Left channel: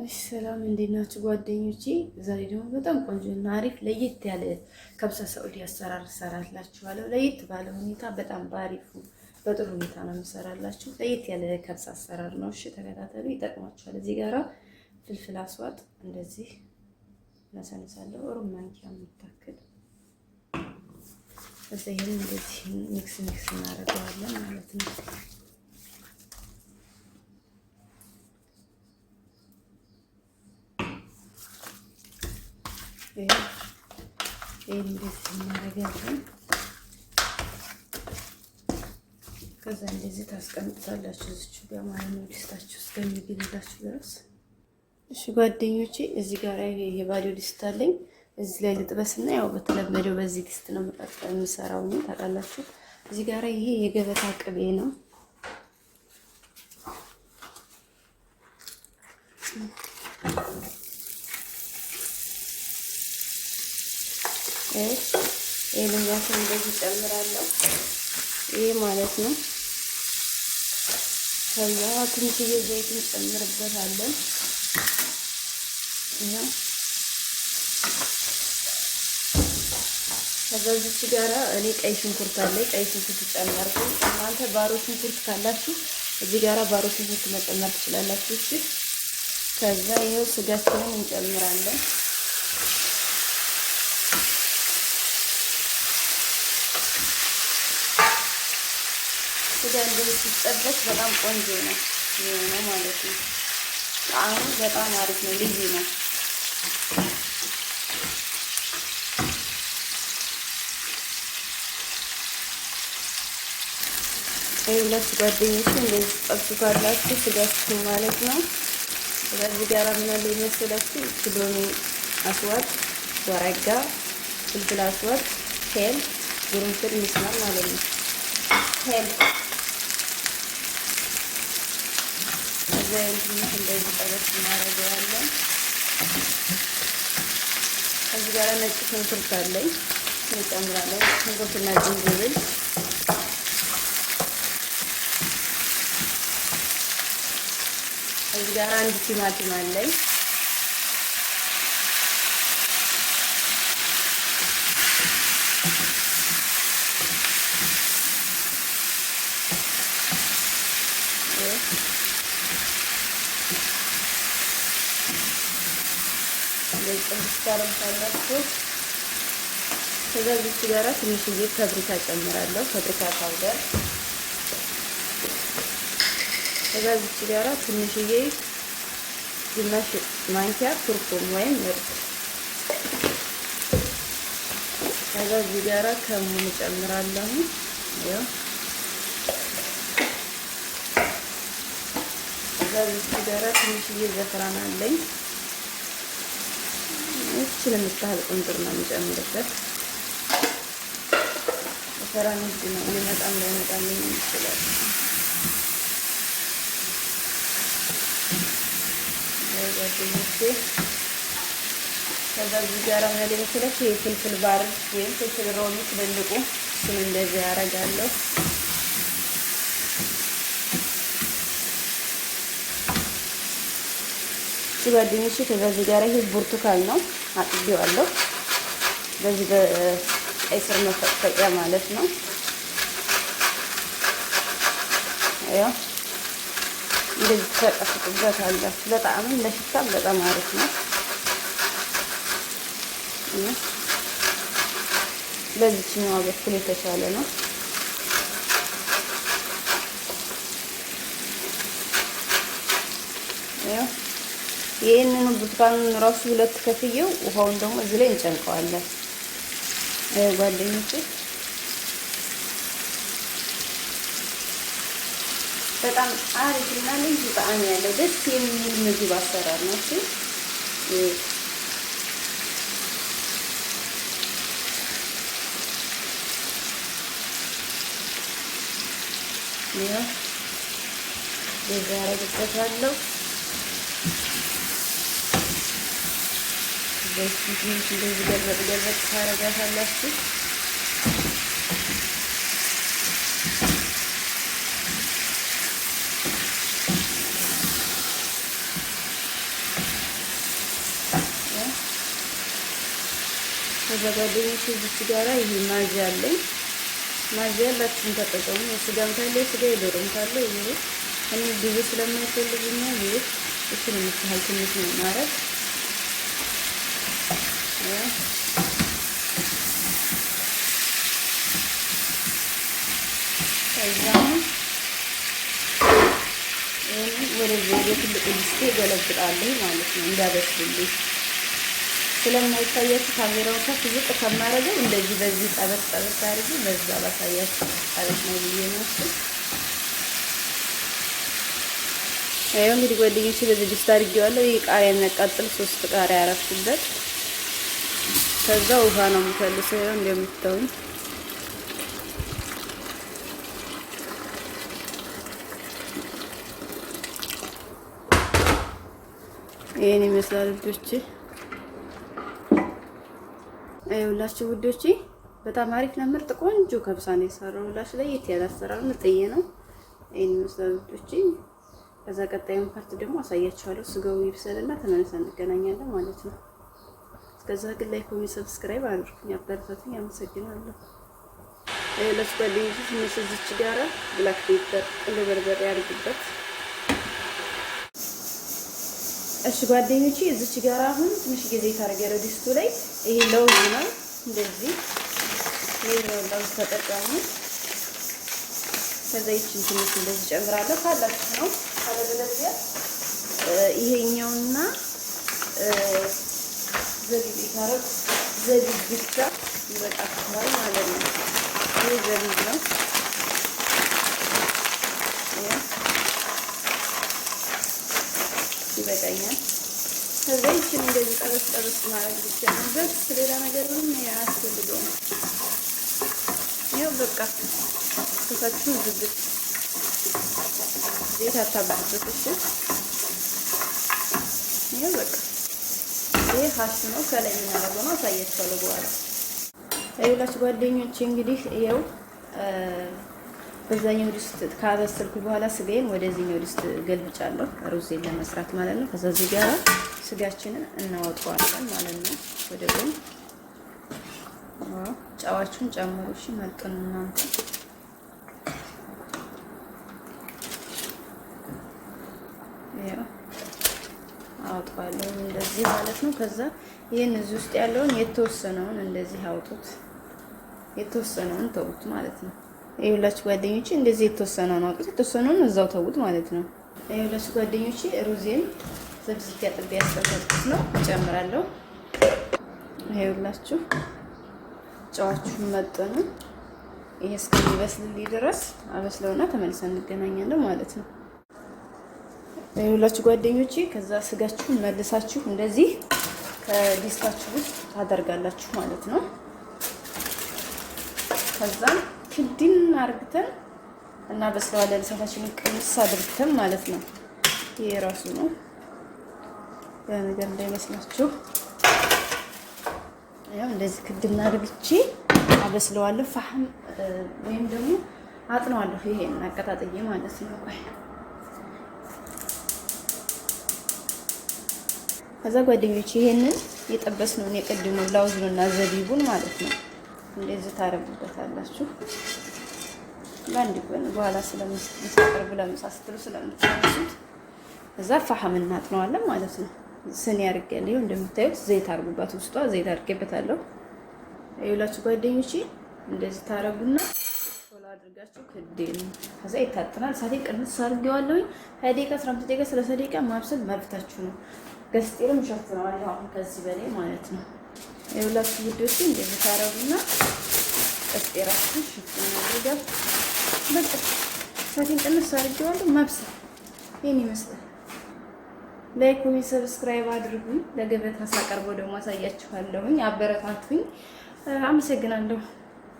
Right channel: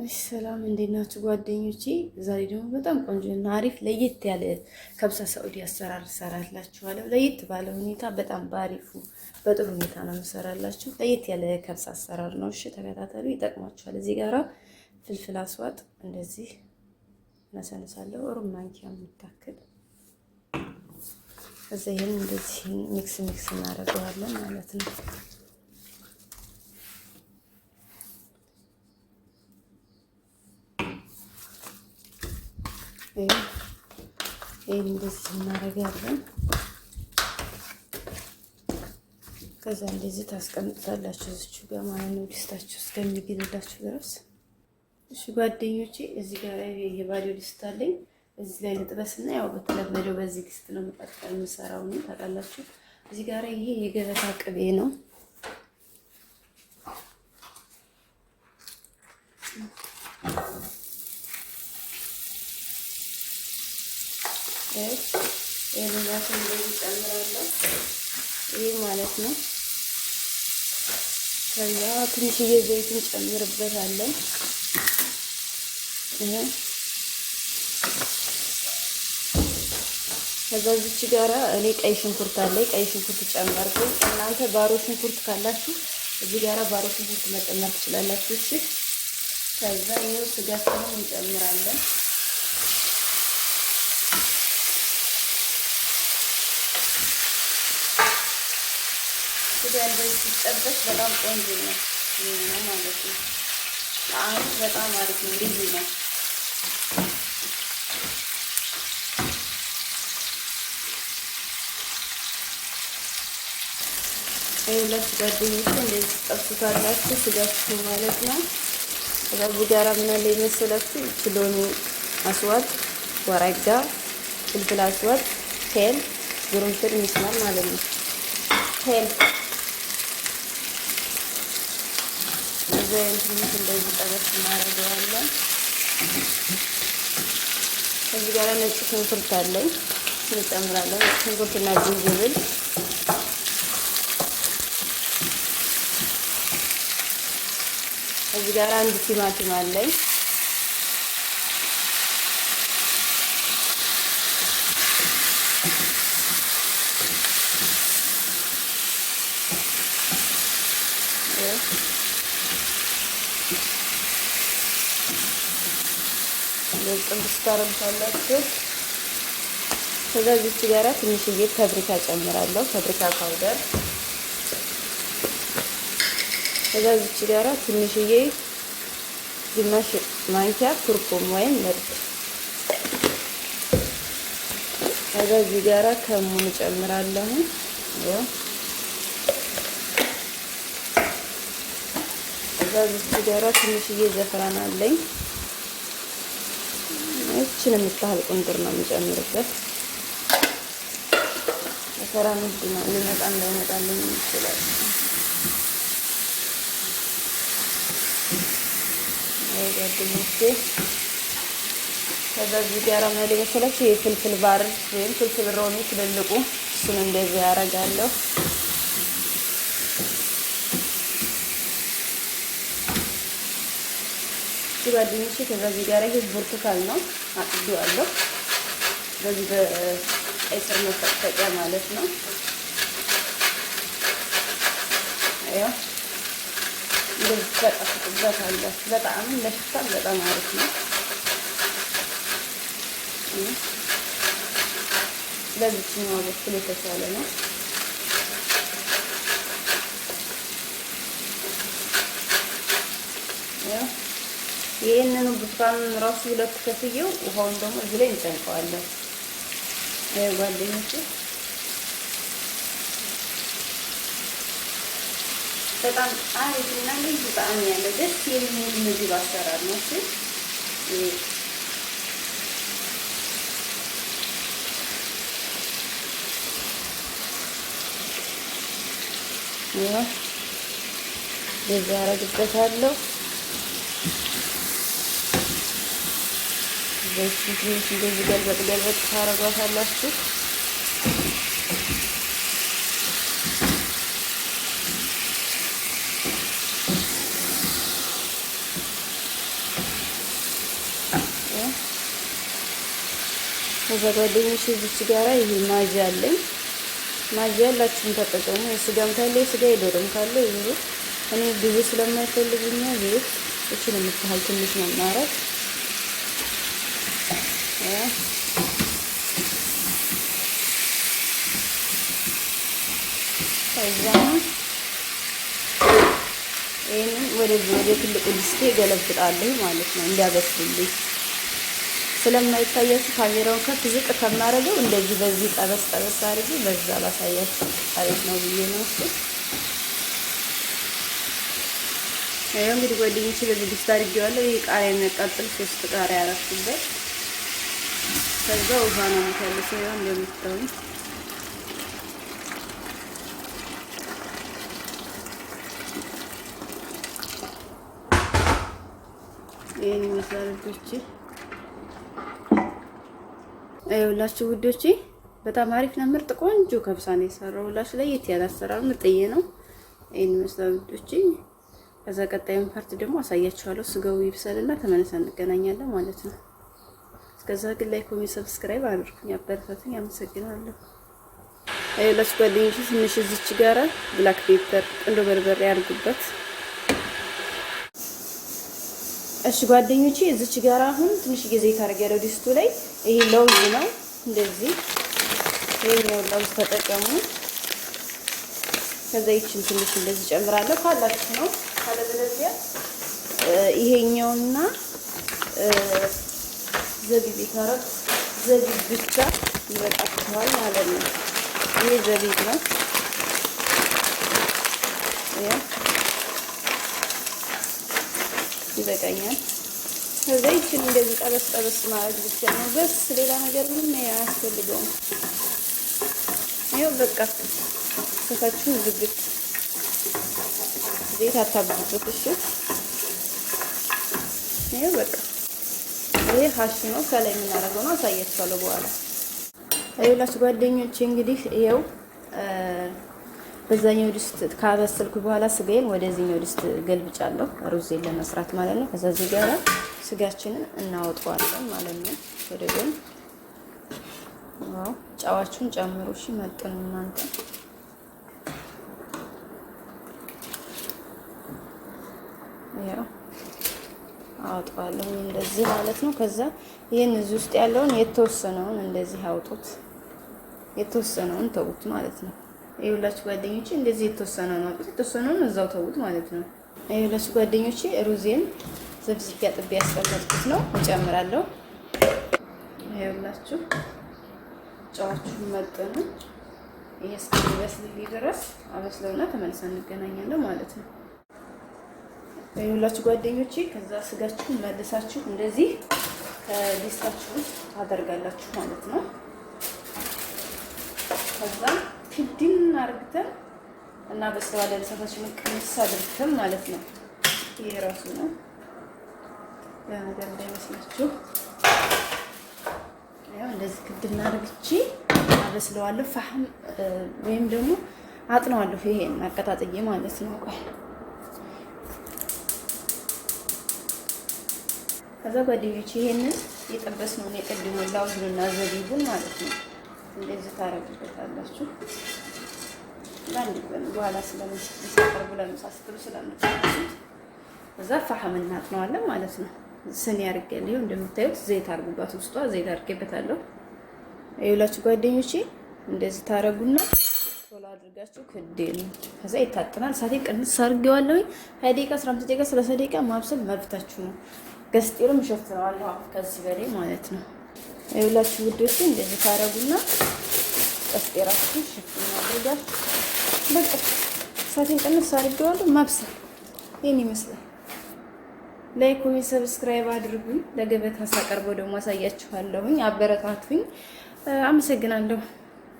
ሰላም እንዴት ናችሁ ጓደኞቼ? ዛሬ ደግሞ በጣም ቆንጆና አሪፍ ለየት ያለ ከብሳ ሳዑዲ አሰራር እሰራላችኋለሁ። ለየት ባለ ሁኔታ በጣም ባሪፉ በጥሩ ሁኔታ ነው የምሰራላችሁ። ለየት ያለ ከብሳ አሰራር ነው። እሺ ተከታተሉ፣ ይጠቅማችኋል። እዚህ ጋራ ፍልፍል አስዋጥ እንደዚህ ነሰንሳለሁ። ሩብ ማንኪያ የምታክል እዛ ይሄን እንደዚህ ሚክስ እናደርገዋለን ማለት ነው። ይሄን እንደዚህ እናደርጋለን። ከዛ እንደዚህ ታስቀምጣላችሁ እዚሁ ጋር ማለት ነው፣ ዲስታችሁ እስከሚግልላችሁ ድረስ። እሺ ጓደኞቼ፣ እዚህ ጋር የባዶ ዲስት አለኝ። እዚህ ላይ ልጥበስና ያው በተለመደው በዚህ ዲስት ነው የምሰራው ነው ታውቃላችሁ። እዚህ ጋር ይሄ የገበታ ቅቤ ነው። ይሄንኛቱን እንደዚህ ጨምራለሁ። ይሄ ማለት ነው። ከዛ ትንሽዬ ዘይቱን ጨምርበታለን። ይሄ ከዛ እዚች ጋራ እኔ ቀይ ሽንኩርት አለኝ። ቀይ ሽንኩርት ጨመርኩ። እናንተ ባሮ ሽንኩርት ካላችሁ እዚህ ጋራ ባሮ ሽንኩርት መጨመር ትችላላችሁ። እሺ ከዛ ይሄው ስጋችንን እንጨምራለን። ስጋ እንደዚህ ሲጠበስ በጣም ቆንጆ ነው ማለት ነው። አሁን በጣም አሪፍ ነው፣ ልዩ ነው። ሁለት ጓደኞቼ እንደዚህ ጠብሱታላችሁ ስጋችሁ ማለት ነው። ስለዚህ ጋራ ምን አለ መሰላችሁ? ኪሎኒ አስዋድ፣ ወራጋ፣ ፍልፍል አስዋድ፣ ሄል፣ ጉርንፍል ምስማር ማለት ነው። ሄል ዘይት እንደዚህ ጠበስ እናደርገዋለን። እዚህ ጋር ነጭ ሽንኩርት አለኝ እንጨምራለን። ሽንኩርትና ዝንጅብል እዚህ ጋር አንድ ቲማቲም አለኝ። ከዛ እዚህ ጋራ ትንሽዬ ፋብሪካ ጨምራለሁ፣ ፋብሪካ ፓውደር። ከዛ እዚህ ጋራ ትንሽዬ ግማሽ ማንኪያ ኩርኩም ወይም ምርጥ። ከዛ እዚህ ጋራ ከሙን ጨምራለሁ። ያው ከዛ እዚህ ጋራ ትንሽዬ ዘፈራን አለኝ። እቺን የምታህል ቁንጥር ነው የምጨምርበት። ዘፈራን ውድ ነው፣ ሊመጣም ላይመጣልኝ ይችላል። ጓደኞቼ ከዛ እዚህ ጋር ማለት መሰላችሁ የፍልፍል ባርድ ወይም ፍልፍል ሮሚ ትልልቁ እሱን እንደዚህ ያደርጋለሁ። ጓደኞቼ ከዛ እዚህ ጋር ይሄ ብርቱካን ነው አጥቢዋለሁ። በዚህ በቀይ ስር መፈቅፈቂያ ማለት ነው። ያው እንደዚህ ተቀጥቅበታለሁ። በጣም ለሽታም በጣም አሪፍ ነው። ለዚህኛው በኩል የተሻለ ነው። ይሄንን ብርቱካኑን ራሱ ሁለት ከፍዬው ውሃውን ደግሞ እዚህ ላይ እንጨምቀዋለን። ጓደኞቼ በጣም አሪፍና ልዩ ጣዕም ያለው ደስ የሚል ምግብ አሰራር ነው። እሺ ያው እንደዚህ አደርግበታለሁ። እንደዚህ ገልበጥ ታረጓታላችሁ። ከዛ ጓደኞቼ እዚች ጋራ ይሄ ማዚ አለኝ። ማዚ ያላችሁን ተጠቀሙ። የስጋም ካለ የስጋ የዶሮም ካለ ይሄ እኔ ብዙ ስለማይፈልግኛ ይሄ እቺን የምትሃል ትንሽ ነው ማረግ ከዛም ወደ ትልቁ ድስቴ ገለብጣለሁ ማለት ነው እንዳበስልልኝ ስለማይታያችሁ ካሜራውን ከፍ ዝቅ ከማረገው እንደዚህ በዚህ ጠበስ ጠበስ አድርጌ በዛ ባሳያችሁ አሪፍ ነው ብዬ ነው እሱ። ያው እንግዲህ ጓደኞቼ በዚህ ድስት አድርጌዋለሁ። ይሄ ቃሪያ የሚያቃጥል 3 ቃሪያ አረፍኩበት። ከዛ ውሃ ነው የምፈልሰው እንደምታዩኝ ይሄን ይመስላል ውዶቼ። አይውላችሁ ውዶቼ በጣም አሪፍ ነው፣ ምርጥ ቆንጆ ከብሳ ነው የሰራሁላችሁ። ለየት ያለ አሰራር ምርጥዬ ነው። ይሄን ይመስላል ውዶቼ። ከዛ ቀጣዩን ፓርት ደግሞ አሳያችኋለሁ። ስጋው ይብሰልና ተመልሰን እንገናኛለን ማለት ነው። እስከዛ ግን ላይክ፣ ኮሜንት፣ ሰብስክራይብ አድርጉኝ፣ አበረታቱኝ። አመሰግናለሁ። አይውላችሁ ጓደኞቼ ትንሽ እዚች ጋራ ብላክ ፔፐር ቁንዶ በርበሬ አድርጉበት። እሺ ጓደኞቼ እዚች ጋር አሁን ትንሽ ጊዜ ታረጋለ ድስቱ ላይ ይሄ ለውዝ ነው። እንደዚህ ይሄ ለውዝ ተጠቀሙ። ከዛ ይችን ትንሽ እንደዚህ ጨምራለሁ ካላችሁ ነው። ካለበለዚያ ይሄኛውና ዘቢብ ይታረቅ ዘቢብ ብቻ ይበቃችኋል ማለት ነው። ይሄ ዘቢብ ነው። ይበቃኛል። ከዛ ይችን እንደዚህ ጠበስ ጠበስ ማድረግ ብቻ ነው በስ ሌላ ነገር ምንም አያስፈልገውም። ይኸው በቃ ከታችሁ ዝግት ዘይት አታብዙት። እሺ ይሄ በቃ ይሄ ሀሽ ነው። ከላይ የምናደርገው ነው አሳያችኋለሁ በኋላ። አይላችሁ ጓደኞቼ እንግዲህ ይኸው በዛኛው ድስት ካበሰልኩ በኋላ ስጋዬን ወደዚህኛው ድስት ገልብጫለሁ ሩዝን ለመስራት ማለት ነው። ከዛ እዚህ ጋር ስጋችንን እናወጣዋለን ማለት ነው ወደ ጎን። ጨዋችሁን ጨምሩ እሺ፣ መጥኑ እናንተ። ያው አወጣዋለሁ እንደዚህ ማለት ነው። ከዛ ይሄን እዚህ ውስጥ ያለውን የተወሰነውን እንደዚህ አውጡት፣ የተወሰነውን ተውት ማለት ነው። ይኸውላችሁ ጓደኞቼ እንደዚህ የተወሰነውን አውጡት፣ የተወሰነውን እዛው ተውት ማለት ነው። ይኸውላችሁ ጓደኞቼ ሩዜን ዘብዝቤ አጥቤ ያስቀመጥኩት ነው እጨምራለሁ። ይኸውላችሁ ጨዋችሁን መጠኑ ይሄ እስከሚበስልልኝ ድረስ አበስለውና ተመልሰን እንገናኛለን ማለት ነው። ይኸውላችሁ ጓደኞቼ ከዛ ስጋችሁን መልሳችሁ እንደዚህ ከዲስታችሁ ውስጥ ታደርጋላችሁ ማለት ነው። ከዛ ክድን አርግተን እና በስለዋለን ሰፋችንን ቅንስ አድርገን ማለት ነው። ይሄ ራሱ ነው ያ ነገር እንዳይመስላችሁ። ያው እንደዚህ ክድን አርግቼ አበስለዋለሁ። ፋህም ወይም ደግሞ አጥነዋለሁ። ይሄን አቀጣጥዬ ማለት ነው። ቆይ ከዛ ጓደኞቼ ይሄንን የጠበስነውን የቀድመው ላውዝና ዘቢቡን ማለት ነው እንደዚህ ታረጉበታላችሁ። ለአንድ ቀን በኋላ ስለምትሰሩ ለምሳስተሩ ስለምትሰሩት እዛ ፋህም እናጥነዋለን ማለት ነው። ስኒ አድርጌያለሁ እንደምታዩት ዘይት አድርጉባት፣ ውስጧ ዘይት አድርጌበታለሁ። ይኸውላችሁ ጓደኞቼ እንደዚህ ታረጉና ቶሎ አድርጋችሁ ክዴን ከዛ ይታጠናል። ሳቴ ቅንስ አድርጌዋለሁ። 20 ደቂቃ 15 ደቂቃ 30 ደቂቃ ማብሰል መብታችሁ ነው። ገስጤርም ሸፍነዋል አሁን ከዚህ በላይ ማለት ነው። ይኸውላችሁ ውዶቼ እንደዚህ ታረጉና ገስጤራችሁ ሸፍና አድርጋችሁ በቃ ሳቴን ቅንስ አድርጌዋለሁ። ማብሰል ይሄን ይመስላል። ላይክ ኮሜንት ሰብስክራይብ አድርጉኝ። ለገበታ ሳቀርበው ደግሞ አሳያችኋለሁኝ። አበረታቱኝ። አመሰግናለሁ።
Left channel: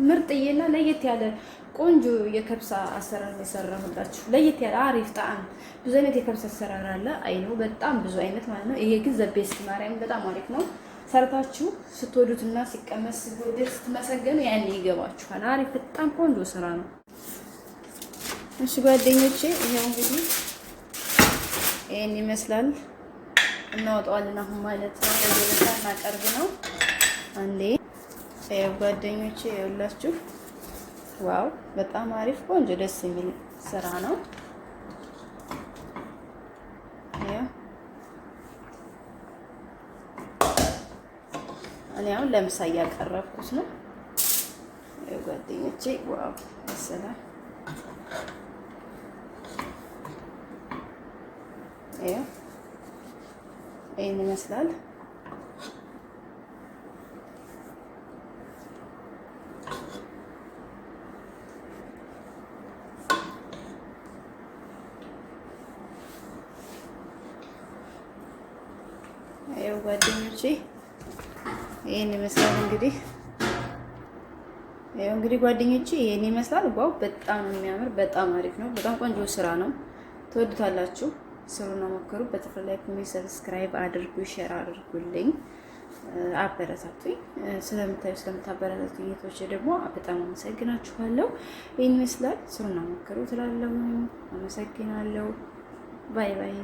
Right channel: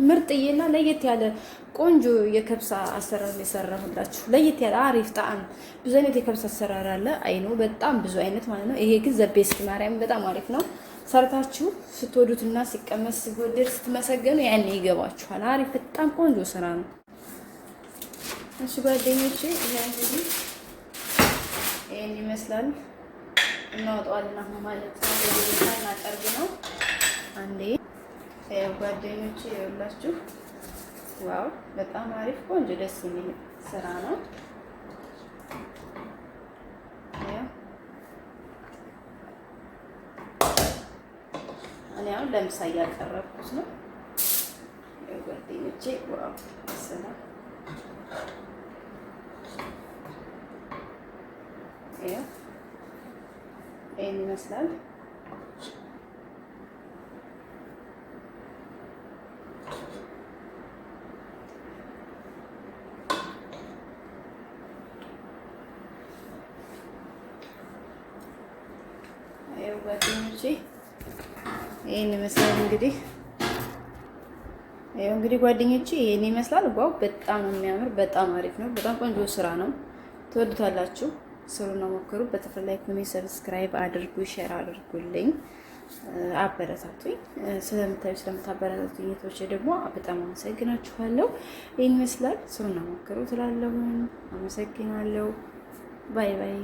ምርጥዬና ለየት ያለ ቆንጆ የከብሳ አሰራር የሰራሁላችሁ ለየት ያለ አሪፍ ጣዕም። ብዙ አይነት የከብሳ አሰራር አለ አይኑ በጣም ብዙ አይነት ማለት ነው። ይሄ ግን ዘቤስት ማርያም በጣም አሪፍ ነው። ሰርታችሁ ስትወዱትና ሲቀመስ ሲወደድ ስትመሰገኑ ያኔ ይገባችኋል። አሪፍ በጣም ቆንጆ ስራ ነው። እሺ ጓደኞቼ ይሄ እንግዲህ ይሄን ይመስላል። እናወጣዋለን አሁን ማለት ነው። ወደዛ እናቀርብ ነው አንዴ ያው ጓደኞቼ ያላችሁ ዋው በጣም አሪፍ ቆንጆ ደስ የሚል ስራ ነው። እኔ አሁን ለምሳ እያቀረብኩት ነው። ያው ጓደኞቼ ዋው ሰላም ይሄን ይመስላል። ይሄው ጓደኞቼ ይሄን ይመስላል እንግዲህ ይሄው እንግዲህ ጓደኞቼ ይሄን ይመስላል። ዋው በጣም ነው የሚያምር፣ በጣም አሪፍ ነው። በጣም ቆንጆ ስራ ነው። ትወዱታላችሁ። ስሩና ሞክሩ። በተፈላይ ኮሜንት፣ ሰብስክራይብ አድርጉ፣ ሼር አድርጉልኝ፣ አበረታቱኝ። ስለምታበረታቱኝ እህቶቼ ደግሞ በጣም አመሰግናችኋለሁ። ይሄን ይመስላል። ስሩና ሞክሩ ትላለሁ። አመሰግናለሁ። ባይ ባይ።